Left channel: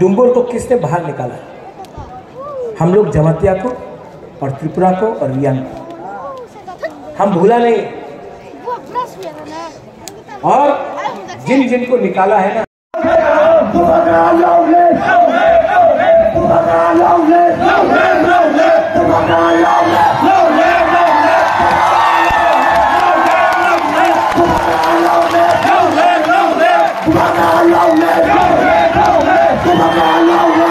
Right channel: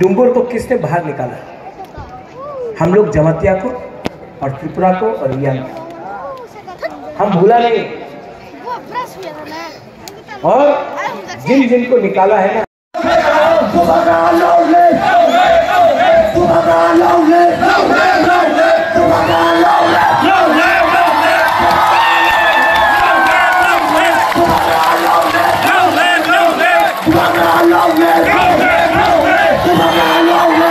डुम्बुर को किसने बाहर निकाला? हम लोग जमातिया को और त्रिपुरा को और रियांग को। हम भूला नहीं। और जिन जिन को निकाला है ना, No,